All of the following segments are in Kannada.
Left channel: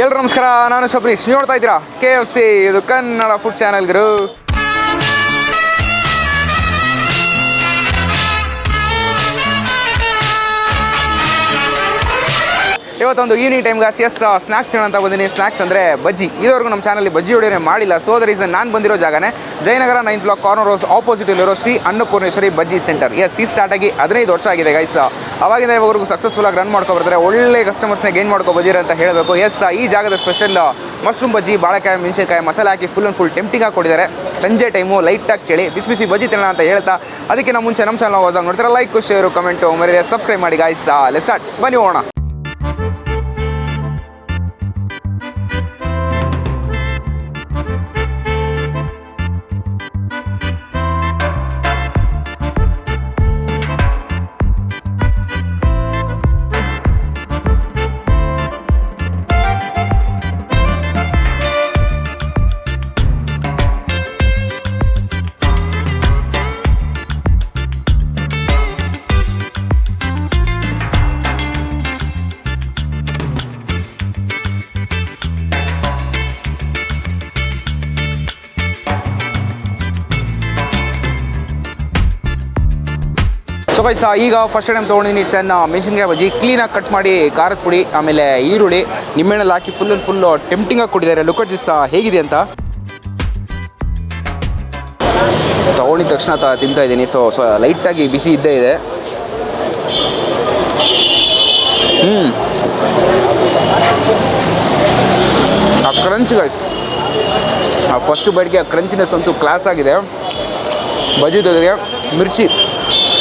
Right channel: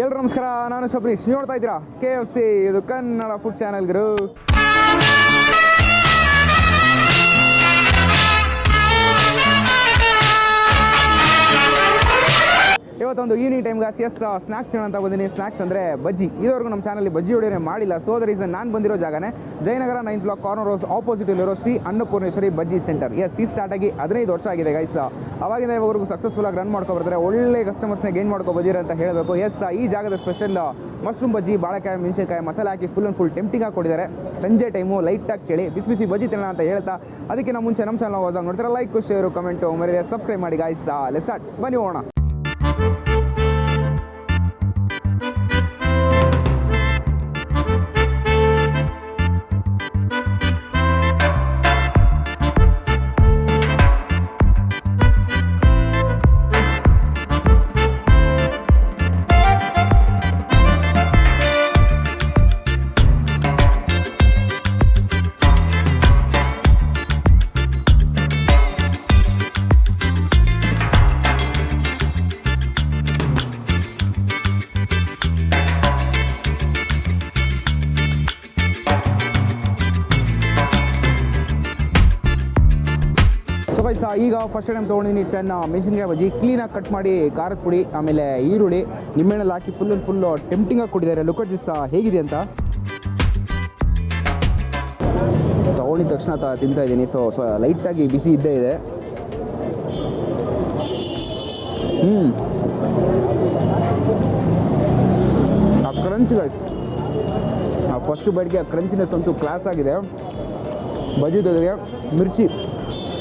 ಎಲ್ಲರೂ ನಮಸ್ಕಾರ, ನಾನು ಶಬರೀಶ್. ನೋಡ್ತಾ ಇದ್ದೀರಾ KFC, ಇದು ಕನ್ನಡ ಫುಡ್ ಚಾನೆಲ್ ಗುರು. ಇವತ್ತೊಂದು ಈವ್ನಿಂಗ್ ಟೈಮ್ ಗಾಸ್ ಸ್ನ್ಯಾಕ್ಸ್ ಅಂತ ಬಂದಿನಿ. ಸ್ನ್ಯಾಕ್ಸ್ ಅಂದರೆ ಬಜ್ಜಿ. ಇದುವರೆಗೂ ನಮ್ಮ ಚಾನಲ್ಲಿ ಬಜ್ಜಿ ಹೊಡೆಯೋನೇ ಮಾಡಿಲ್ಲ. ಸೊ ದ ರೀಸನ್ ನಾನು ಬಂದಿರೋ ಜಾಗನೇ ಜಯನಗರ 9th ಬ್ಲಾಕ್ ಕಾರ್ನರ್ ರೋಸ್ ಆಪೋಸಿಟಲ್ಲಿರೋ ಶ್ರೀ ಅನ್ನಪೂರ್ಣೇಶ್ವರಿ ಬಜ್ಜಿ ಸೆಂಟರ್. ಈ ಸ್ಟಾರ್ಟ್ ಆಗಿ 15 ವರ್ಷ ಆಗಿದೆ ಗೈಸ್. ಅವಾಗಿಂದ ಇವಾಗವರೆಗೂ ಸಕ್ಸಸ್ಫುಲ್ಲಾಗಿ ರನ್ ಮಾಡ್ಕೊಬರ್ತಾರೆ. ಒಳ್ಳೆ ಕಸ್ಟಮರ್ಸ್ನ ಗೇನ್ ಮಾಡ್ಕೊಬೋದಿರ ಅಂತ ಹೇಳಬೇಕು. ಈ ಜಾಗದ ಸ್ಪೆಷಲ್ ಮಶ್ರೂಮ್ ಬಜ್ಜಿ, ಬಾಳೆಕಾಯಿ, ಮೆಣಸಿನಕಾಯಿ ಮಸಾಲೆ ಹಾಕಿ ಫುಲ್ ಟೆಂಪ್ಟಿಂಗ್ ಆಗಿ ಕೊಟ್ಟಿದ್ದಾರೆ. ಸಂಜೆ ಟೈಮು ಲೈಟಾಗಿ ಚಳಿ, ಬಿಸಿ ಬಿಸಿ ಬಜ್ಜಿ ತಿನ್ನೋಣ ಅಂತ ಹೇಳ್ತಾ ಅದಕ್ಕಿಂತ ಮುಂಚೆ ನಮ್ಮ ಚಾನಲ್ ಹೊಸ ನೋಡ್ತಾರೆ ಲೈಕ್, ಶೇರು, ಕಮೆಂಟು ಮರಿದೆ ಸಬ್ಸ್ಕ್ರೈಬ್ ಮಾಡಿ ಗೈಸ್. ಲೆಟ್ಸ್ ಸ್ಟಾರ್ಟ್, ಬನ್ನಿ ಹೋಗೋಣ. ಸೊ ಗೈಸ್, ಈಗ ಫಸ್ಟ್ ಟೈಮ್ ತೊಗೊಂಡಿದ್ದೀನಿ ಚೆನ್ನ ಮೆಣಸಿನ್ಕಾಯಿ ಬಜ್ಜಿ. ಕ್ಲೀನಾಗಿ ಕಟ್ ಮಾಡಿ ಖಾರದ ಪುಡಿ, ಆಮೇಲೆ ಈರುಳ್ಳಿ, ನಿಂಬೆಹಣ್ಣಲ್ಲಿ ಹಾಕಿ ಫುಲ್ ಟೆಂಪ್ಟಿಂಗಾಗಿ ಕೊಟ್ಟಿದ್ದಾರೆ. ಲುಕ್ ಅಟ್ ದಿಸ್ ಹೇಗಿದೆ ಅಂತ ತೊಗೊಂಡಿದ ತಕ್ಷಣ ತಿಂತಾ ಇದ್ದೀನಿ. ಸೊ ಲೈಟಾಗಿ ಬಿಸಿ ಇದ್ದೇ ಇದೆ. ಆ ಕ್ರಂಚ್ ಗೈಸ್, ಆ ಫಸ್ಟ್ ಬೈಟ್ಗೆ ಆ ಕ್ರಂಚಿನೆಸ್ ಅಂತೂ ಕ್ಲಾಸ್ ಆಗಿದೆ. ಬಜ್ಜಿ ಜೊತೆಗೆ ಮಿರ್ಚಿ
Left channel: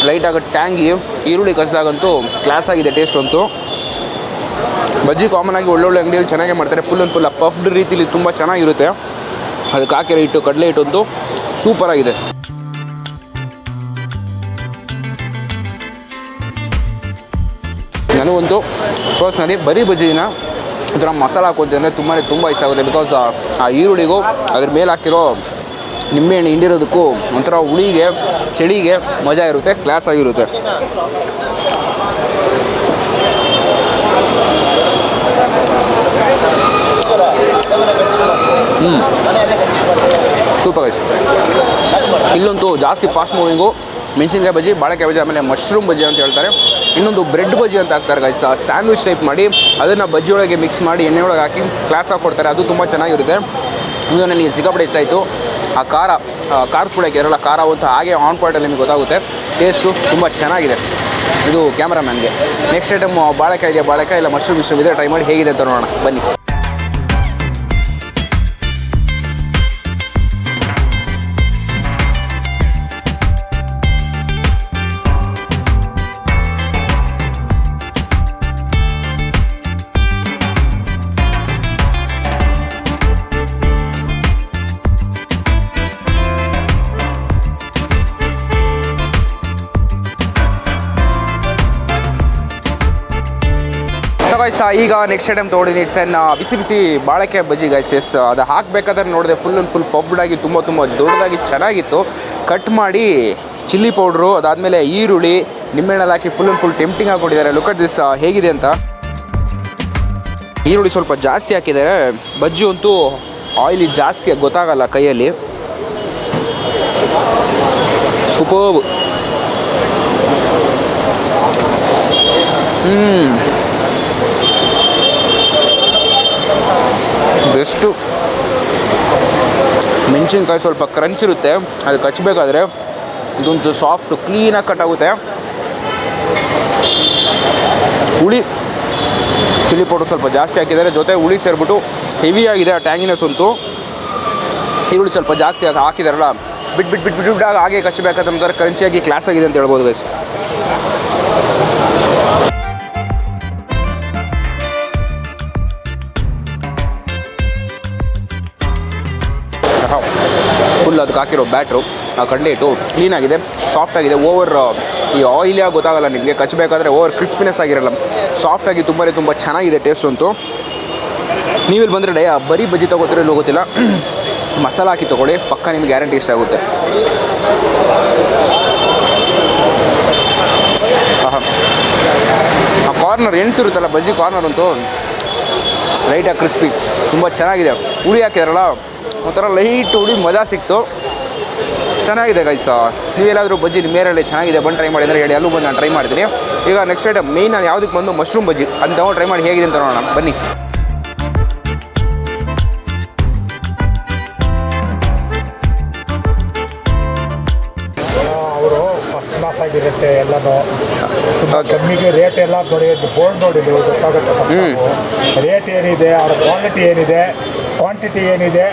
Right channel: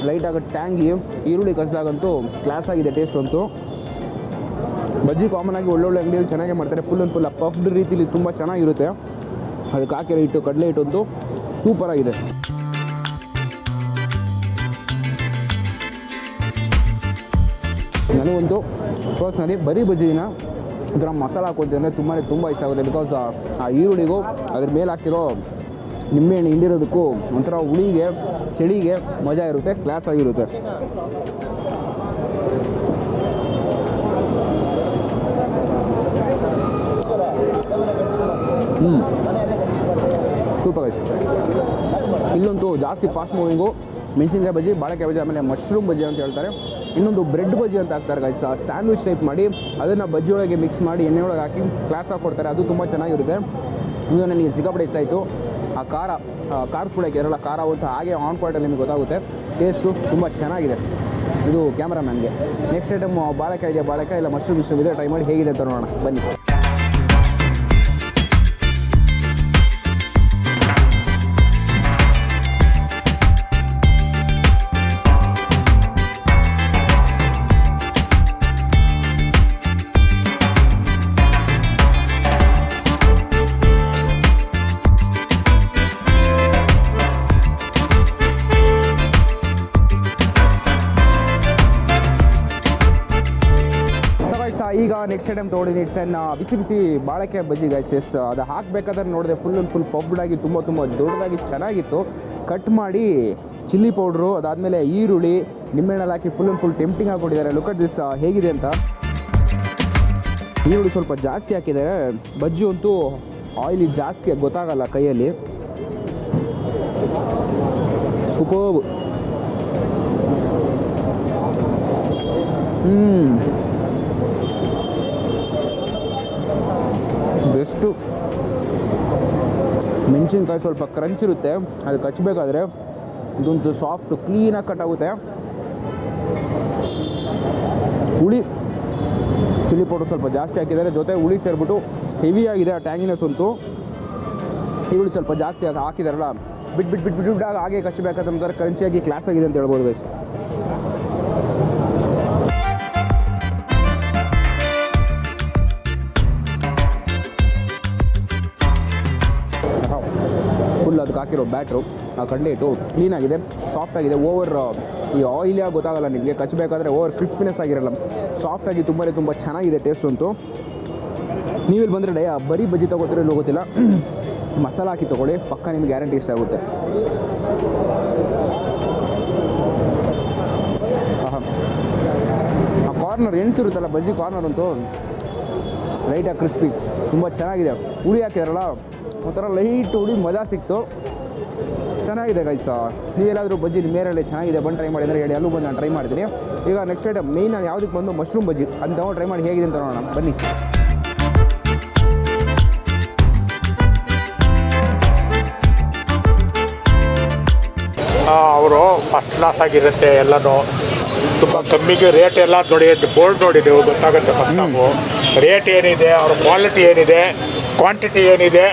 ಲೈಟಾಗಿ ಟ್ಯಾಂಗಿ, ಈರುಳ್ಳಿ ಕಸಿದಾಗಂತೂ ಕ್ಲಾಸ್ ಆಗಿದೆ ಟೇಸ್ಟ್ ಅಂತೂ. ಬಜ್ಜಿ ಕಾಮನ್ ಆಗಿ ಒಳ್ಳೊಳ್ಳೆ ಅಂಗಡಿಯಲ್ಲಿ ಚೆನ್ನಾಗೇ ಮಾಡ್ತಾರೆ. ಫುಲ್ ಪಫ್ಡ್ ರೀತಿಲಿ ತುಂಬ ಚೆನ್ನಾಗಿರುತ್ತೆ. ಅದಕ್ಕೆ ಹಾಕಿರೋ ಹಿಟ್ಟು, ಕಡಲೆ ಹಿಟ್ಟು ಅಂತೂ ಸೂಪರಾಗಿದೆ. ನನಗಂತೂ ಪರ್ಸ್ನಲಿ ಬರೀ ಬಜ್ಜಿನ ಒಂಥರ ಮಸಾಲ ಹಾಕೋತೀವಿ ಅಂದರೆ ತುಂಬ ಇಷ್ಟ ಆಗುತ್ತೆ. ಬಿಕಾಸ್ ಆ ಈರುಳ್ಳಿಗೂ ಅದ್ರ ಮೇಲೆ ಹಾಕಿರೋ ನಿಂಬೆಹಣ್ಣು ಹಿಂಡಿರೋದಕ್ಕೂ ಒಂಥರ ಹುಳಿಗೆ, ಚಳಿಗೆ ಮಜಾ ಇರುತ್ತೆ, ಕ್ಲಾಸ್ ಆಗಿರುತ್ತೆ. Super guys. ಇಲ್ಲಂತೂ ಜಾಸ್ತಿ ಫಾಸ್ಟ್ ಮೂವಿಂಗು ಮೆಣಸಿನ್ಕಾಯಿ ಬಜ್ಜಿ, ಬಾಳೆಕಾಯಿ ಬಜ್ಜಿ, ಆಮೇಲೆ ಮಶ್ರೂಮ್ ಬಜ್ಜಿ ಅಂತ ಹೇಳ್ತಾರೆ. ಇನ್ನೊಂದು ಬ್ರೆಡ್ ಬಜ್ಜಿ ಅಂತ ಹಾಕ್ತಾರೆ ಗೈಸ್. ಸ್ಯಾಂಡ್ವಿಚ್ ಟೈಪ್ ಮಾಡಿ ಅದನ್ನು ಬಜ್ಜಿ ಒಳಗೆ ಮಿಕ್ಸ್ ಮಾಡಿ ಎಣ್ಣೆ ಒಳಗೆ ಹಾಕಿ ಕ್ಲಾಸ್ ಆಗಿ ಕೊಡ್ತಾರೆ. ಅದು ತುಂಬ ಚೆನ್ನಾಗಿರುತ್ತೆ. ಇದು ನನಗೆ ಸಿಕ್ಕಾಪಟ್ಟೆ ಇಷ್ಟ ಆಯಿತು. ಆ ಖಾರದ ಪುಡಿ ಹಾಕಿರಲ್ಲ, ಖಾರ ಅಂತ ಹಾಗೆ ಆನ್ ಪಾಯಿಂಟಲ್ಲಿ ನಿಮಗೆ ಗೊತ್ತಾಗುತ್ತೆ. ಟೇಸ್ಟು ತುಂಬ ಚೆನ್ನಾಗಿದೆ. ಇದು ಕ್ಯಾಮ್ರಾಮ್ಯಾನ್ಗೆ. ನೆಕ್ಸ್ಟ್ ಐಟಮ್ ಬಾಳೆಕಾಯಿ ಇಲ್ಲ ಮಶ್ರೂಮ್ ಇದೆ. ಟ್ರೈ ಮಾಡಿ ಹೇಗಿದೆ ಅಂತ ನೋಡೋಣ ಬನ್ನಿ. ಈಗ ನೆಕ್ಸ್ಟ್ ಐಟಮ್ ತೊಗೊಂಡಿದ್ದೀನಿ. ಚೆನ್ನ ಬಿಸಿ ಬಿಸಿ ಬಾಳೆಕಾಯಿ ಬಜ್ಜಿ ಗೈಸ್. ಅದು ಹಾಕಬೇಕಾದ್ರೆ ನೋಡಿದೆ ಫುಲ್ ಪಬ್ಡಾಗಿ ತುಂಬ ದೊಡ್ಡದಾಗಿ ಚೆನ್ನಾಗಿತ್ತು. ಕಟ್ ಮಾಡಿ ಚಿಲ್ಲಿ ಪೌಡ್ರು, ಅದಾದಮೇಲೆ ಈರುಳ್ಳಿ, ನಿಂಬೆಹಣ್ಣಲ್ಲಿ ಹಾಕಿ ಫುಲ್ ಟೆಂಪ್ಟಿಂಗ್ ಆಗಿ ಕೊಟ್ಟಿದ್ದಾರೆ. ಲುಕ್ ಅಟ್ ದಿಸ್ ಹೇಗಿದೆ ಅಂತ. ಈರುಳ್ಳಿ ಸ್ವಲ್ಪ ಜಾಸ್ತಿ ಹಾಕಿದ್ದಾರೆ. ಬಜ್ಜಿ ಅಂತೂ ಆಯಿಲಿ ಜಾಸ್ತಿ ಗೊತ್ತಾಗಲ್ಲ ಕೈಯಲ್ಲಿ. ಸೂಪರ್. ಬೆಸ್ಟು. ಮೆಣಸಿನ್ಕಾಯಿ ಸ್ವಲ್ಪ ಕ್ರಂಚ್ ಇರುತ್ತೆ, ಅದು ಕಚ್ಚಬೇಕಾದ್ರೆ ಇದೊಂದು ಸಾಫ್ಟು ಕ್ಲೀನಾಗಿ ಕಟ್ ಆಗುತ್ತೆ. ಹುಳಿ ಚಿಲ್ಲಿ ಪೌಡರ್ ಸ್ವಲ್ಪ ಜಾಸ್ತಿ ಹಾಕಿದ್ದಾರೆ, ಜೊತೆ ಹುಳಿ ಸೇರಿಬಿಟ್ಟು ಹೆವಿ ಆಗಿದೆ. ಆ ಟ್ಯಾಂಗಿನೆಸ್ ಅಂತೂ. ಈರುಳ್ಳಿ ಸ್ವಲ್ಪ ಜಾಸ್ತಿ ಹಾಕಿದಾರಲ್ಲ, ಬಿಟ್ಟು ಹಾಗೆ ಕಚ್ಚಬೇಕಾದ್ರೆ ಕ್ರಂಚಿಯಾಗಿ ಕ್ಲಾಸ್ ಆಗಿದೆ ಅಂತ ಹೇಳ್ಬೋದು ಗೈಸ್. ಫುಲ್ ಅದಕ್ಕೆ ಹಾಕಿರೋ ಬ್ಯಾಟ್ರು, ಆ ಕಡಲೆ ಹಿಟ್ಟು ಕ್ಲೀನಾಗಿದೆ, ಸಾಫ್ಟಾಗಿದೆ. ಓವರ್ ಈ ಆಯಿಲಿಯಾಗಿ ಗೊತ್ತಾಗಲ್ಲ ನಿಮಗೆ. ಕಚ್ಚಬೇಕಾದ್ರೆ ಓವರ್ ಕ್ರಿಸ್ಪಿನೆಸ್ ಆಗಿರಲ್ಲ, ಸಾಫ್ಟಾಗಿ ತುಂಬ ಚೆನ್ನಾಗಿದೆ ಟೇಸ್ಟ್ ಅಂತೂ. ನೀವಿಲ್ಲಿ ಬಂದರೆ ಬರೀ ಬಜ್ಜಿ ತೊಗೋತೀರೋ ಇಲ್ಲೋ ಗೊತ್ತಿಲ್ಲ, ಮಸಾಲ ಹಾಕಿ ತೊಗೊಳ್ಳಿ, ಪಕ್ಕ ನಿಮಗೆ ಗ್ಯಾರಂಟಿ ಇಷ್ಟ ಆಗುತ್ತೆ. ಆ ಕಾರ್ನರ್ ಎಣ್ಸಿರುತ್ತಲ್ಲ, ಬಜ್ಜಿ ಕಾರ್ನರ್ ಅಂತೂ ಲೈಟಾಗಿ ಕ್ರಿಸ್ಪಿ ತುಂಬ ಚೆನ್ನಾಗಿದೆ. ಹುಳಿ ಹಾಕಿದಾರಲ್ಲ ಒಂಥರ ಲೈಟ್ ಹುಳಿ ಮಜಾ ಸಿಕ್ತು, ಚೆನ್ನಾಗಿದೆ ಗೈಸ್. ನೀವೆಲ್ಲಾದರೂ ಬಜ್ಜಿ ನಿಮ್ಮ ಏರಿಯಲ್ಲಿ ಚೆನ್ನಾಗಿದೆ ಬಂದು ಟ್ರೈ ಮಾಡಿ ಅಂದರೆ ಹೇಳಿ, ಅಲ್ಲೂ ಬಂದು ನಾನು ಟ್ರೈ ಮಾಡ್ತೀನಿ. ಈಗ ನೆಕ್ಸ್ಟ್ ಐಟಮ್ ಮೇಯ್ನ್ ನಾನು ಯಾವುದಕ್ಕೆ ಬಂದು ಮಶ್ರೂಮ್ ಬಜ್ಜಿ ಅದನ್ನ ತಗೊಂಡು ಟ್ರೈ ಮಾಡಿ ಹೇಗಿದೆ ಅಂತ ನೋಡೋಣ ಬನ್ನಿ. ಅವರು ಫಸ್ಟ್ ಕ್ಲಾಸ್ ಆಗಿರುತ್ತೆ ಎಲ್ಲನೂ. ತುಂಬ ಕಮ್ಮಿಗೆ ರೇಟ್ ಎಲ್ಲ ನೋಡಿ, ಬೋರ್ಡ್ ನೋಡಿ ನೀವು ಗೊತ್ತಾಗುತ್ತೆ ಫಸ್ಟ್ ರೇಟ್ ಏನಿದೆ, ಅವ್ರ ಕ್ವಾಲಿಟಿ ಏನಿದೆ, ಕ್ವಾಂಟಿಟಿ ಏನಿದೆ,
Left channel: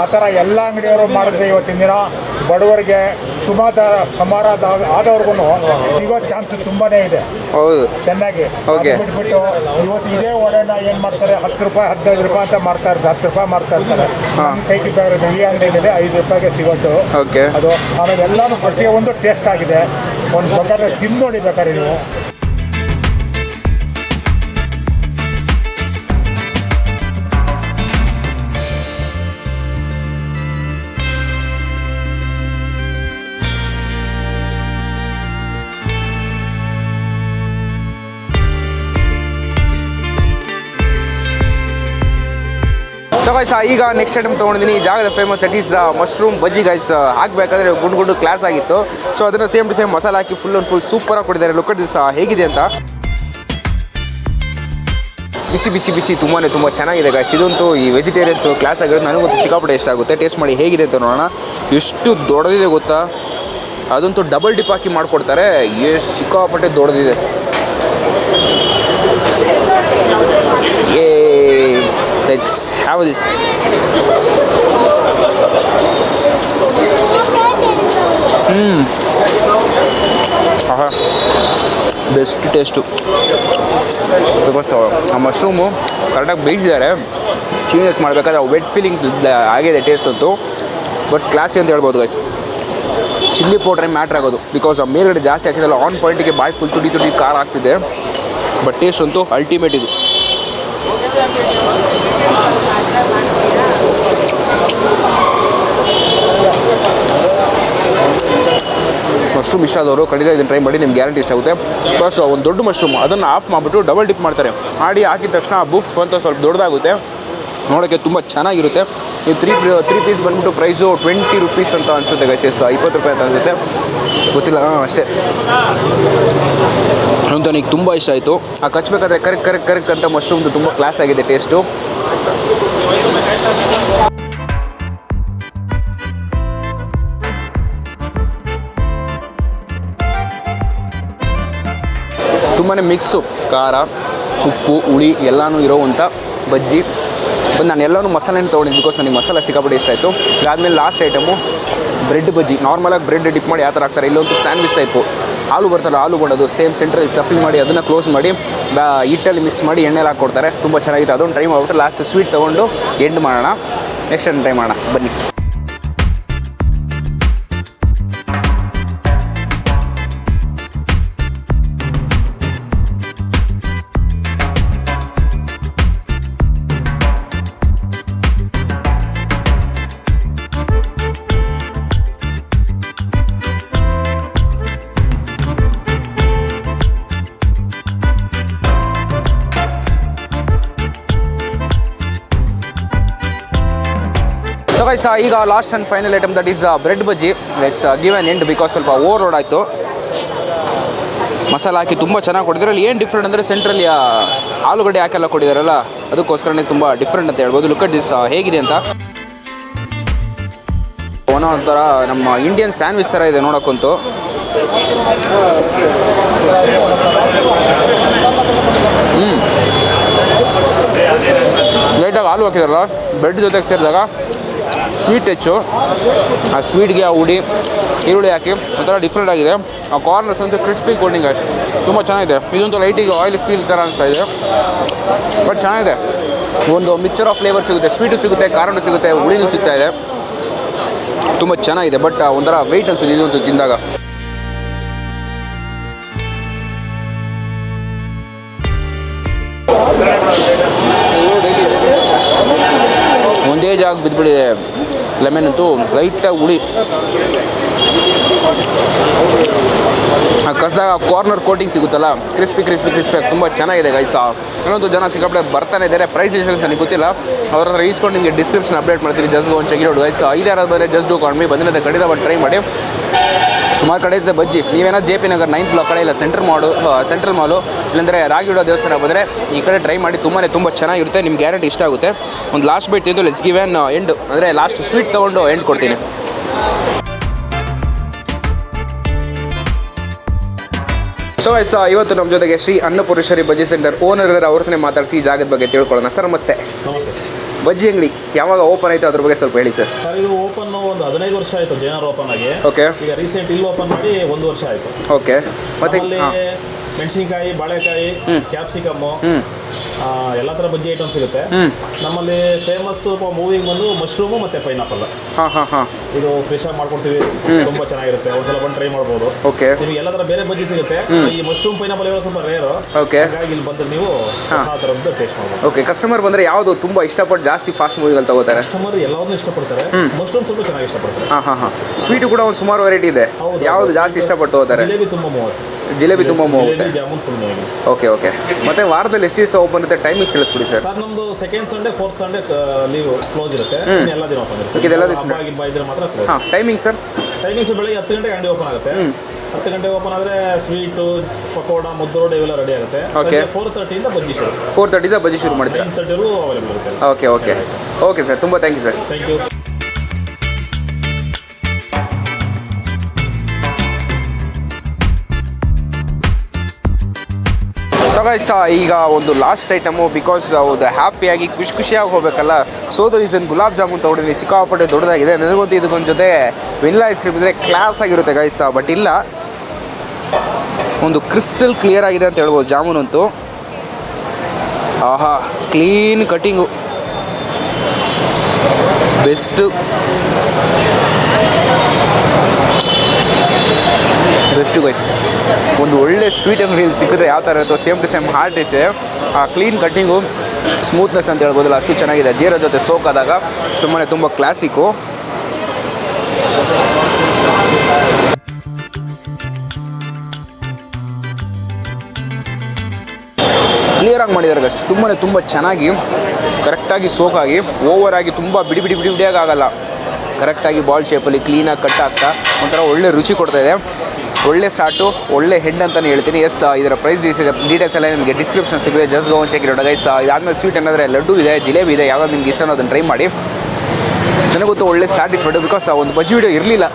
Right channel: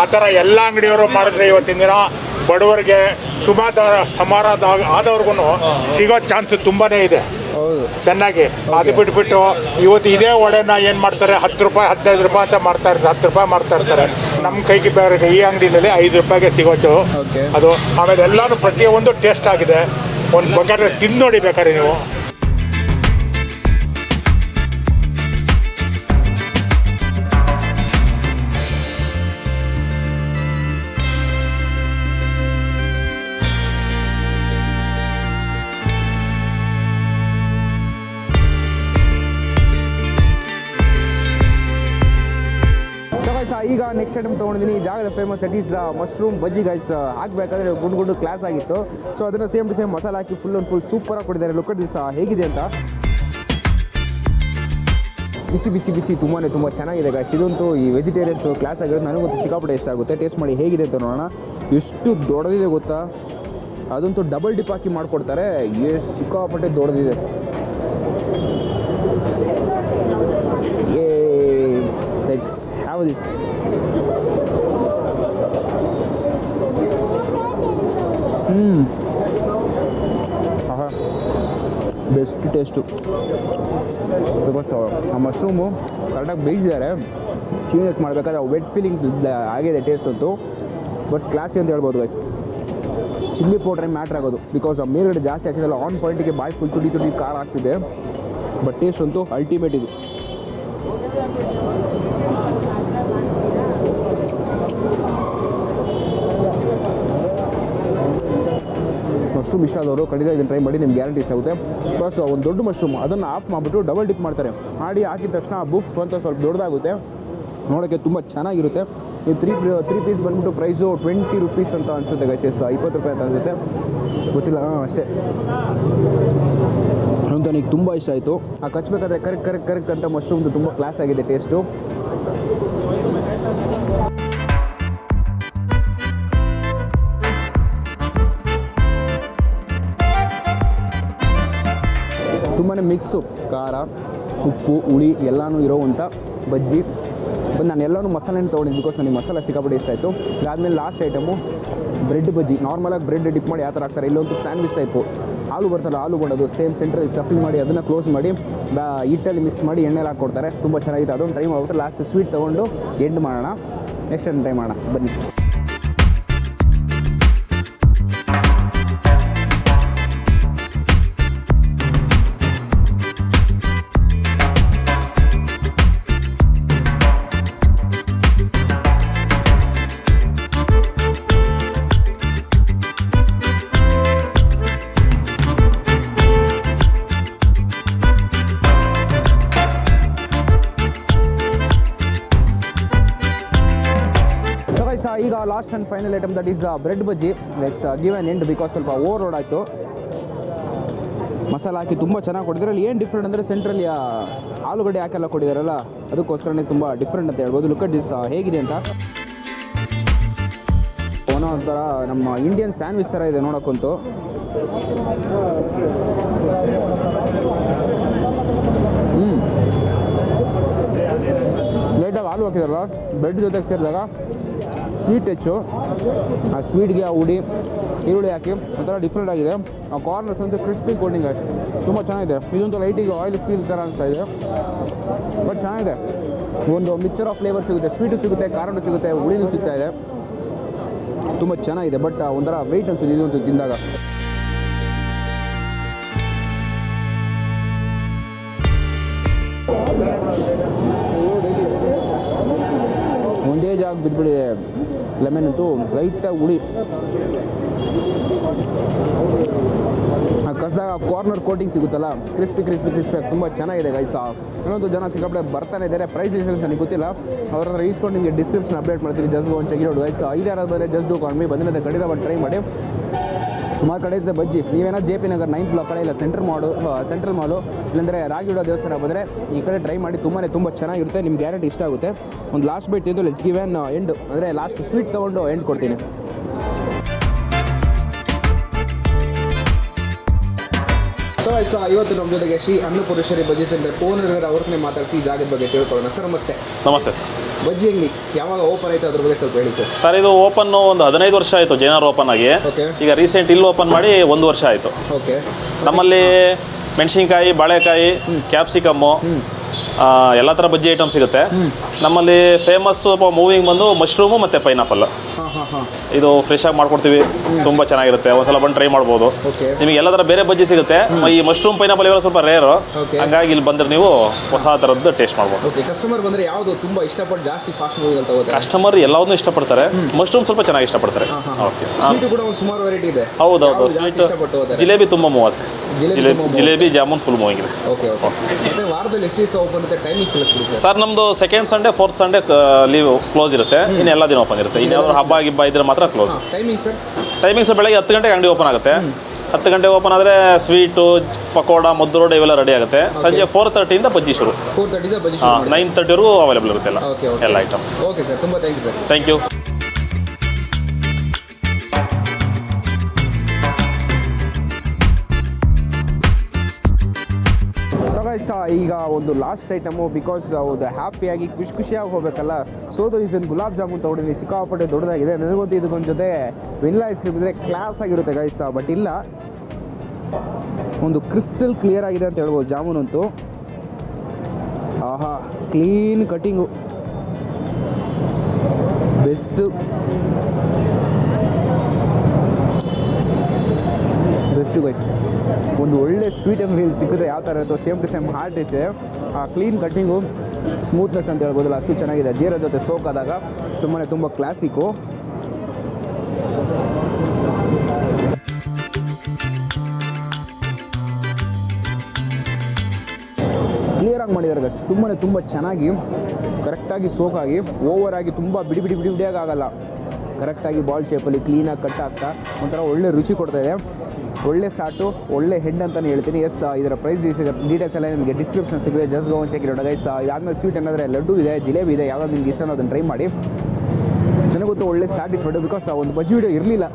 ಆ ಥರ ಎಲ್ಲ ಅಂಗಡಿಯವರು ಮಾಡಿದ್ರೆ ಇವತ್ತಿನ ದಿನ ಬಡವರಿಗೆ ಸಮಾರ ಆದವ್ರಿಗೂ ಸಿಗೋ ಚಾನ್ಸ್ ತುಂಬಾ ಇದೆ. ಹೌದು, ಚೆನ್ನಾಗಿ ಅದು ಬಿಟ್ಬಿಟ್ಟು ಇವತ್ತು ಇದೇ ವಡೆನ ಏನು ಮಾಡ್ತಾರೆ, 10 ರೂಪಾಯಿ 15 ರೂಪಾಯಿ ಅಂತ ಮಾಡ್ತಾ ಇರ್ತಾರೆ, 10 ರೂಪಾಯಿ ಮಾಡ್ತಾ ಇರ್ತಾರೆ. ನಮ್ಮ ಕೈಗೆ ಬೇರೆ ಈ ಅಂಗಡಿಯಲ್ಲಿ 5 ರೂಪಾಯಿಗೆ ಸಿಗೋದು ಅದು. ಆಮೇಲೆ ಎಲ್ಲನೂ ಪ್ರತಿಯೊಂದು ಟೇಸ್ಟ್ ಆಗಿದೆ. ಒಂದು ಬೇಕಾದ್ರೆ ತಿಂದು ನೋಡಿ ಬೇಕಾದ್ರೆ ನೀವು. ಈಗ ನೆಕ್ಸ್ಟ್ ಐಟಮ್ ತೊಗೊಂಡಿದ್ದೀನಿ. ಈ ಜಾಗದ famous that is mushroom bajji guys. ಹಾಕಬೇಕಾದ್ರೆ ಗುಂಡು ಕ್ಲಾಸ್ ಆಗಿತ್ತು. ಸೊ ಅದನ್ನು ಸೇಮ್ ಟು ಸೇಮ್ ಮಸಾಲ ಹಾಕಿ ಫುಲ್ ಸೂಪರಾಗಿ ಕೊಟ್ಟಿದ್ದಾರೆ. ಲುಕ್ ಅಟ್ ದಿಸ್ ಹೇಗಿದೆ ಅಂತ. ಬಿಸಿ ತುಂಬ ಚೆನ್ನಾಗಿದೆ ಗೈಸ್. ಇದಂತೂ ಈ ವೆಜಿಟೇರಿಯನ್ಸು ಕ್ಲಾಸ್ ಆಗಿರೋದು ನನಗಂತೂ ಸಿಕ್ಕಾಪಟ್ಟೆ ಇಷ್ಟ ಆಗುತ್ತೆ. ಟೇಸ್ಟ್ ಮಾಡಿ ಹೇಗಿದೆ ಅಂತ ನೋಡೋಣ. ಎಷ್ಟು ದೊಡ್ಡದಿದೆ ಗೊತ್ತಾ, ಅದಂತೂ ಡಬಲ್ ಡಿಪ್ ಹಾಕಿ ಮಾಡಿಕೊಡ್ತಾರೆ. ಎಷ್ಟು ಸಿಕ್ಕಾಪಟ್ಟೆ ದೊಡ್ಡದಿದೆ. Let's have this. Best taste. Because ಆ ಮಶ್ರೂಮು ಕರೆಕ್ಟಾಗಿ ಬೇಯಿಸಿದ್ದಾರೆ. ಚೀನಿಯಸ್ ಮಾಡಬೇಕಾದ್ರೆ ವೆಟ್ ಫೀಲಿಂಗ್ಸ್ ಆಗಿದೆ ಟೇಸ್ಟ್ ಅಂತೂ. ಬಟ್ ಕ್ಲಾಸಿ ಅಂತ ಹೇಳ್ಬೋದು ಗೈಸ್. ಚಿಲ್ಲಿ ಪೌಡ್ರೇ ಮ್ಯಾಟ್ರ್ ಆಗೋದು, ಬಿಕಾಸ್ ಆ ಮೇಲ್ಗಡೆ ಜಾಸ್ತಿ ಹಾಕಿದಲ್ಲ ಆನ್ ಪಾಯಿಂಟಿಗೆ ಬಾಯಿ ಫುಲ್ ತುಡಿ ಖಾರ ಆಗ್ತಿದೆ. ಬಟ್ ಟೇಸ್ಟ್ ಅಂತೂ ಅಲ್ಟಿಮೇಟ್ ಇದು. ಮಶ್ರೂಮ್ ಇಷ್ಟ ಆದವರು ಖಂಡಿತ ಇದನ್ನು ಟ್ರೈ ಮಾಡಿ, ನಿಮ್ಗೆ ಗ್ಯಾರಂಟಿ ಇಷ್ಟ ಆಗುತ್ತೆ. ಪ್ಲಸ್ ಒಂದು ದೊಡ್ಡ ಮಶ್ರೂಮ್ ಅದನ್ನು ಆಫ್ ಮಾಡಿಬಿಟ್ಟು ಡಬಲ್ ಡಿಪ್ ಮಾಡ್ತಾರೆ. ಮಾಡಿ ಹಾಕಿದ ತಕ್ಷಣ ಬುಫ್ ಅಂತ ಸ್ವಲ್ಪ ದೊಡ್ಡದಾಗುತ್ತೆ, ನೋಡೋಕ್ಕೆ ತುಂಬ ಚೆನ್ನಾಗಿರುತ್ತೆ. ನೀವು ತ್ರೀ ಪೀಸ್ ಬಂದ್ಬಿಟ್ಟು ಪ್ರೈಸು 20 ರೂಪೀಸ್ ಅಂತ ಅನಿಸುತ್ತೆ ಗೈಸ್. 20 ರೂಪಾಯಿ ಅಂತ ಅನಿಸುತ್ತೆ, ಗೊತ್ತಿಲ್ಲ ಅಷ್ಟೇ. ಅಂತ ನನಗೆ ತುಂಬ ಇಷ್ಟ ಆಯಿತು. ಆ ಕಚ್ಚಬೇಕಾದ್ರೆ ಕರೆಕ್ಟ್ ಅಂತ ಮಶ್ರೂಮ್ದು ತುಂಬ ಕ್ಲಾಸ್ ಆಗಿದೆ ಟೇಸ್ಟು. ತುಂಬಾ ಮಿಕ್ಸು, ಖಾರ ಉಪ್ಪು ಹುಳಿ ಎಲ್ಲನೂ ಇರೋವಂಥ ಬಜ್ಜಿ. ಬಂದು ನಾನು ಎಲ್ಲನೂ ಮಸಾಲೆನೇ ತೊಗೊಂಡಿದ್ದು, ಬಿಕಾಸ್ ನನಗೆ ಮಸಾಲೆ ಸಿಕ್ಕಾಪಟ್ಟೆ ಇಷ್ಟ ಆಯಿತು. ಅದಾದಮೇಲೆ ಲಾಸ್ಟ್ ಐಟಮು ಬ್ರೆಡ್ ಬಜ್ಜಿ. ನಾರ್ಮಲಾಗಿ ಬ್ರೆಡ್ ಡಿಪ್ ಮಾಡಿ ಯಾವ ಥರ ಹಾಕ್ತಾರೆ, ಇಲ್ಲೊಂದು ಸ್ಯಾಂಡ್ವಿಚ್ ಟೈಪು ಆಲೂ ಬರ್ತಲ್ಲ, ಆಲೂ ಮಾಡೋದು ಸೇಮ್ ಸೆಂಟ್ರಲ್ಲಿ ಸ್ಟಫಿಂಗ್ ಮಾಡಿ ಅದನ್ನು ಕ್ಲೋಸ್ ಮಾಡಿ ಹಿಟ್ಟಲ್ಲಿ ಮಿಕ್ಸ್ ಮಾಡಿ ಎಣ್ಣೆಲಿ ಹಾಕ್ಕೊಡ್ತಾರೆ. ತುಂಬ ಚೆನ್ನಾಗಿದೆ. ಅದೊಂದು ಟ್ರೈ ಮಾಡಿಬಿಟ್ಟು ಲಾಸ್ಟ್ ಸ್ವೀಟ್ ತೊಗೊಂಡು ಎಂಡ್ ಮಾಡೋಣ. ನೆಕ್ಸ್ಟ್ ಟೈಮ್ ಟ್ರೈ ಮಾಡೋಣ ಬನ್ನಿ. ಈಗ last and final item that is bread bajji. Let's give on end, because ಸ್ವಲ್ಪ ಓವರ್ಲೋಡ್ ಆಯಿತು. ಮಸಾಲ ಹಾಕಿ ತುಂಬ ಚೆನ್ನಾಗಿ ಕೊಟ್ಟಿದ್ದಾರೆ. ಅಲ್ಲಿ ಏನು ಡಿಫ್ರೆಂಟ್ ಅಂದರೆ ಸೆಂಟ್ರಲ್ಲಿ ಆಲೂಗಡ್ಡೆ ಹಾಕೆಲ್ಲ ಕೊಟ್ಟಿದ್ದಾರಲ್ಲ, ಅದಕ್ಕೋಸ್ಕರನೇ ತುಂಬ ಡಿಫ್ರೆಂಟ್ ಅಂತ ಹೇಳ್ಬೋದು. ಲುಕ್ ಅಟ್ ದಿಸ್ ಹೇಗಿದೆ ಅಂತ. ಒಂಥರ ನಮ್ಮ ಇಂಡಿಯನ್ ಸ್ಯಾಂಡ್ವಿಚ್ ಥರ ಇದೆ ನೋಡೋಕ್ಕಂತೂ. ಲೈಟಾಗಿ ಹಾಲು ಹಾಕಿದಾರಲ್ಲ, ಬ್ರೆಡ್ ಜೊತೆಗೆ ಸೇರಿದಾಗ ಸ್ವೀಟ್ ಹೆಚ್ಚು. ಆ ಸ್ವೀಟ್ಗೆ ಆ ಹುಡಿ ಈರುಳ್ಳಿ ಹಾಕಿ ಒಂಥರ ಡಿಫ್ರೆಂಟ್ ಆಗಿದೆ. ಆ ಕಾರ್ನರ್ಸ್ ಅಂತೂ ಕ್ರಿಸ್ಪಿ ಕೋಟಿಂಗ್ ಅಷ್ಟು ತುಂಬ ಚೆನ್ನಾಗಿದೆ. ಇದೊಂದು ಲೈಟಿಗೆ ಆಯಿಲ್ ಫೀಲ್ ಥರ ಅನಿಸ್ತಾ ಇದೆ, ಬಟ್ ಚೆನ್ನಾಗಿದೆ. ಒಂದು ಮಿಕ್ಚರ್ ಆಫ್ ಫ್ಲೇವರ್ ಸಿಗುತ್ತೆ, ಸ್ವೀಟು ಸಿಗುತ್ತೆ, ಖಾರನೂ ಸಿಗುತ್ತೆ, ಹುಳಿನೂ ಸಿಗ್ತಾ ಇದೆ. ತುಂಬ ಚೆನ್ನಾಗಿದೆ. ಬಟ್ ಒಂಥರ ವೆಯ್ಟ್ ಅನಿಸುತ್ತೆ ಇದೊಂದು ತಿಂದಾಗ. ಒಂದೇ ಜಾಗ ಬಿದ್ದುಬಿಟ್ಟಿದೆ ಲೆಮನ್ ಅಂತೂ. ಲೈಟಾಗಿ ಹುಳಿ ಕಸದಾಗ ಕಾರ್ನರ್ ಕೋಟಿಂಗ್ ಸಿಗುತ್ತಲ್ಲ, ಕ್ರಿಸ್ಪಿ ತುಂಬ ಚೆನ್ನಾಗಿದೆ ಗೈಸ್. ಇನ್ನೊಂದು ಜನ ಸಿಕ್ಕಾಪಟ್ಟೆ ಬರ್ತಾನೆ ಇದ್ದಾರೆ. ಪ್ರೈಸ್ ಎಷ್ಟು ನನಗೆ ಗೊತ್ತಿಲ್ಲ, ಅವ್ರ ಹತ್ರ ಈಸ್ಕೊಂಡು ನಿಮಗೆ ಡಿಸ್ಕ್ರಿಪ್ಷನ್ ಅಪ್ಡೇಟ್ ಮಾಡ್ತೀನಿ. ಜಸ್ಟ್ ಒಂದು ಚೆಕ್ ಇರೋದು ಗೈಸ್. ಇಲ್ಲಿ ಯಾರಾದ್ರು ಬಂದರೆ ಜಸ್ಟ್ ಡೂ ಕಾಲ್ ಮೀ. ಬಂದಿರೋದು ಖಂಡಿತ ಬಂದು ಟ್ರೈ ಮಾಡಿ. ಸುಮಾರು ಕಡೆ ಇದೆ ಬಜ್ಜಿ. ನೀವೇನೋ JP ನಗರ್ 9th ಬ್ಲಾಕ್ ಕಡೆ ಇಲ್ಲ ಸೆಂಟ್ರಲ್ ಮಾಲು ಇಲ್ಲಾಂದರೆ ರಾಗಿಡೋ ದೇವಸ್ಥಾನ ಬಂದರೆ ಈ ಕಡೆ ಟ್ರೈ ಮಾಡಿ. ತುಂಬ ಚೆನ್ನಾಗಿರುತ್ತೆ, ನಿಮ್ಗೆ ಗ್ಯಾರಂಟಿ ಇಷ್ಟ ಆಗುತ್ತೆ. ಒಂದು ಲಾಸ್ಟ್ ಬೈಟ್ ತಿಂದು ಲೆಟ್ಸ್ ಗಿವ್ ಆನ್ ಎಂಡ್, ಅಂದರೆ ಲಾಸ್ಟ್ ಸ್ವೀಟ್ ತೊಗೊಂಡು ಎಂಡ್ ಕೊಡ್ತೀನಿ. ಸೊ ಗೈಸ್, ಇವತ್ತು ನಮ್ಮ ಜೊತೆಗೆ ಶ್ರೀ ಅನ್ನಪೂರ್ಣೇಶ್ವರಿ ಬಜ್ಜಿ ಸೆಂಟರ್ ಓನರ್ ಇದ್ದಾರೆ. ಅವ್ರನ್ನೇ ಮಾತಾಡಿಸಿ ಈ ಜಾಗದ ಬಗ್ಗೆ ತಿಳ್ಕೊಳ್ಳೋಣ. ಸರ್ ನಮಸ್ತೆ. ನಮಸ್ತೆ ಸರ್. ಬಜ್ಜಿ ಅಂಗಡಿ ಯಾವಾಗ ಓಪನ್ ಆಯಿತು ಅದ್ರ ಬಗ್ಗೆ ಸ್ವಲ್ಪ ಹೇಳಿ ಸರ್. ಸರ್ ಇದು ಓಪನ್ ಒಂದು 15 ವರ್ಷ ಆಯಿತು ಜೈನರ್ ಓಪನ್ ಆಗಿ. ಓಕೆ. ಈಗ ರೀಸೆಂಟ್ ಇಲ್ಲಿ ಓಪನ್ ಮಾಡಿ 1 ವರ್ಷ ಆಯಿತು. ಓಕೆ. ನಮ್ಮಲ್ಲಿ ಮೆಣಸಿನ್ಕಾಯಿ, ಬಾಳೆಕಾಯಿ, ಕ್ಯಾಪ್ಸಿಕಮ್ಮು, ಎಲ್ಲ ಥರ ಬಜ್ಜಿ ಐಟಮ್ ಸಿಗುತ್ತೆ. ನಮ್ಮಲ್ಲಿ ಫೇಮಸ್ ಮೂವಿಂಗ್ ಬಂದು ಮಶ್ರೂಮು ಮತ್ತು ಪೈನಾಪಲ್. ಇದು ಫ್ರೆಶ್ ಆಗಿ ಮಾಡ್ಕೊಡ್ತೀವಿ, ತುಂಬ ಚೆನ್ನಾಗಿರುತ್ತೆ. ಒಂದ್ಸಲ ಬಂದು ಟ್ರೈ ಮಾಡ್ಬೋದು. ಓಕೆ. ನಿಮಗೆ ಎಲ್ಲ ಥರ ಬೇರೆ ಬಜ್ಜಿ ಸಿಗುತ್ತೆ. ಈ ಮಶ್ರೂಮ್ ಪೈನಾಪಲ್ ಇರೋ ಸ್ವಲ್ಪ ರೇರು. ಓಕೆ. ಹಾಗಾಗಿ ಇಲ್ಲಿ ಬಂದ್ರೆ ನೀವು ಹೊಸ ಥರದ್ದು ಟೇಸ್ಟ್ ಮಾಡ್ಬೋದು. ಓಕೆ. ಕಸ್ಟಮರ್ ಬಂದರೆ ಯಾವುದು ತುಂಬ ಇಷ್ಟಪಟ್ಟು ಜಾಸ್ತಿ ಫಾಸ್ಟ್ ಮೂವಿಗಳು ತಗೋತಾರೆ? ಕಸ್ಟಮರ್ ಎಲ್ಲವನ್ನೂ ಇಷ್ಟಪಡ್ತಾರೆ. ಮಶ್ರೂಮ್ ಸ್ವಲ್ಪ ಚೆನ್ನಾಗಿ ಇಷ್ಟಪಡ್ತಾರೆ. ಸ್ವೀಟು ಕೂಡ ಒಂದು ಸುಮಾರು ವೆರೈಟಿ ಇದೆ. ಹೌದು. ಯಾವುದು ಜಾಸ್ತಿ ಇಷ್ಟಪಟ್ಟು ಹೋಗ್ತಾರೆ? ಜಿಲೇಬಿ ತುಂಬ 30. ಜಿಲೇಬಿ ಜಾಮೂನ್ ಫುಲ್ ಮೂವಿಂಗ್ ಇದೆ. ಓಕೆ. ಮತ್ತೆ ವಾರದಲ್ಲಿ ಎಷ್ಟು ದಿವಸ ಓಪನ್ ಇರುತ್ತೆ? ಟೈಮಿಂಗ್ಸ್ ತಿಳಿಸ್ಬಿಡಿ ಸರ್. ಸರ್ ನಮ್ದು second Sunday, fourth Sunday leave close ಇರುತ್ತೆ. ಇನ್ನು ಎಲ್ಲ ದಿನ ಓಪನ್ ಇರುತ್ತೆ. ಹಬ್ಬ ಇದ್ರೆ ಮಾತ್ರ ಕ್ಲೋಸ್. Timing sir? ಟೈಮಿಂಗ್ಸ್ ಬೆಳಗ್ಗೆ 10 ಗಂಟೆಗೆ ಅಂಗಡಿ ಓಪನ್ ಆಗುತ್ತೆ. 10 ಗಂಟೆಗೆ ಓಪನ್ ಆದರೆ ಸ್ವೀಟು, ಪಕೋಡ, ಮುದ್ದೋಡು ಇವೆಲ್ಲ ರೆಡಿ ಆಗುತ್ತೆ. ಸಂಜೆ 4:30 ಬಜ್ಜಿ ಶುರು. 4:30 ಬಜ್ಜಿ ಶುರು ಮಾಡಿ 9:30 ಅವೈಲೇಬಲ್ ಇರುತ್ತೆ ಎಲ್ಲ. ಓಕೆ. ಐಟಮ್. ಓಕೆ ಸರ್, ತುಂಬ thank you sir. Thank you. So guys, ಈಗ ಒಂದು ಲಾಸ್ಟ್ ಐಟಮು, ಬಿಕಾಸ್ ಅದು ಹ್ಯಾಪಿಯಾಗಿ ಖುಷಿಯಾಗಿ ಹೋಗಬೇಕಲ್ಲ. So the reason gulab jamun ತೊಗೊಂಡಿನಿ. ಸಿಕ್ಕಾಪಟ್ಟೆ ದೊಡ್ಡದಾಗಿದೆ. ನನಗಂತೂ ಇದಕ್ಕೊಂದು ಜೊತೆ ವೆನಿಲಾ ಐಸ್ ಕ್ರೀಮ್ ಇದ್ದರೆ ಕ್ಲಾಸ್ ಆಗಿರುತ್ತೆ ಗೈಸ್. ಬಟ್ ಇಲ್ಲ, ಒಂದು ಕ್ರಿಸ್ಟಲ್ ಕ್ಲಿಯರ್ ಆಗಿದೆ ಅಂತ ಹೇಳ್ಬೋದು ಜಾಮೂನಂತೂ. ಆಹಾ, ಕ್ಲೀನ್ ಕಟ್ಟಿಂಗು, ಬೆಸ್ಟು ಗೈಸ್. ಒಂದು ಒಳ್ಳೆ ಸ್ವೀಟ್ ಅಂಗಡಿಯಲ್ಲಿ ಸಿಕ್ಕಿದ್ರೆ ಯಾವ ಥರ ಇರುತ್ತೋ ಸೇಮ್ ಟು ಸೇಮ್ ಹಾರ್ಟ್ ಇದೆ. ಆ ಕ್ಲೀನ್ ಕಟ್ಟಿಂಗು, ಸ್ಮೂತ್ನೆಸ್ ಅಂತ ಹೇಳ್ಬೋದಲ್ಲ, ಅಷ್ಟು ಚೆನ್ನಾಗಿದೆ. ಜೀರ ಜೊತೆ ಸೋಕಾದಾಗ ತುಂಬ ಕ್ಲಾಸಿಕ್ಕು. ಕ್ಲಿಯರಾಗಿ ಮಾಡಿದ್ದಾರೆ ಗೈಸ್. ತುಂಬ ಚೆನ್ನಾಗಿ ಕರೆಕ್ಟಾಗಿ ಸೋಕಾಗಿ, ಓವರಾಗಿ ತುಂಬ ಬಿಡಿಯಾಗಿ ಆಗಲ್ಲ. ಕರೆಕ್ಟಾಗಿ ಬಾಲ್ ಶೇಪಲ್ಲಿ ಕ್ಲೀನಾಗಿ ಕಟ್ ಆಗ್ತಾ ಒಂಥರ ಒಳ್ಳೆ ರುಚಿ ಕೊಡ್ತಾಯಿದೆ. ಒಳ್ಳೆ ಸ್ಟಾರ್ಟು, ಒಳ್ಳೆ ಹೆಡ್ ಅಂತಲೇ ಹೇಳ್ತೀನಿ. ಎಸ್, ಇದರ ಪ್ರೈಸ್ ಡೀಟೇಲ್ಸ್ ಎಲ್ಲ ನಿಮಗೆ ಡಿಸ್ಕ್ರಿಪ್ಷನ್ ಸಿಗುತ್ತೆ. ಜಸ್ಟ್ ಗೋ ಚೆಕ್ ಇರೋಣ ಗೈಸ್. ಇದಾದಮೇಲೆ ಸ್ವೀಟ್ ಏನಾದರೆ ಲಡ್ಡು ಇದೆ, ಜಿಲೇಬಿ ಇದೆ. ಯಾವ್ದು ನಿಮ್ಗೆ ಇಷ್ಟನೋ ಅದನ್ನು ಟ್ರೈ ಮಾಡಿ. ನನಗೊತ್ತು ಒಳ್ಳೆ ಸ್ಯಾಟಿಸ್ಫೈಡು, ಬಿಕಾಸ್ ಒಂದು ಬಜ್ಜಿ ವಿಡಿಯೋ ಇರಲಿಲ್ಲ.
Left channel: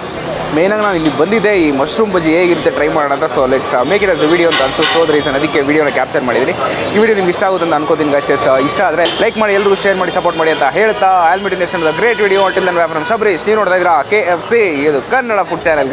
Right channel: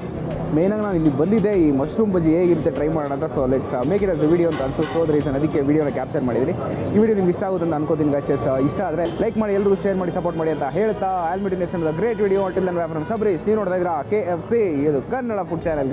ಮೇನಾಗಿ ನಾನು ಇಲ್ಲಿ ಬಂದಿದ್ದೆ ಈ ಮಶ್ರೂಮ್ ಬಜ್ಜಿ ಹೇಗಿರುತ್ತೆ ಟ್ರೈ ಮಾಡೋಣ ಅಂತ. So let's make it as a video ಅಂತ ಅನ್ಸೋದು. ಸೊ ರೀಸನ್ ಅದಕ್ಕೆ ವಿಡಿಯೋನ ಕ್ಯಾಪ್ಚರ್ ಮಾಡಿದ್ದೀನಿ. ಈ ವಿಡಿಯೋ ನಿಮ್ಗೆ ಇಷ್ಟ ಆಗುತ್ತೆ ಅಂತ ಅನ್ಕೋತೀನಿ ಗೈಸ್. ಇಷ್ಟ ಆದರೆ ಲೈಕ್ ಮಾಡಿ, ಎಲ್ಲರಿಗೂ ಶೇರ್ ಮಾಡಿ, ಸಪೋರ್ಟ್ ಮಾಡಿ ಅಂತ ಹೇಳ್ತಾ, ಆಲ್ಮಿಟಿನೇಷನ್ great video. Until then from Sabrish. ನೀವು ನೋಡ್ತಾ ಇದ್ದೀರಾ KFC, ಇದು ಕನ್ನಡ ಫುಡ್ ಚಾನಲ್.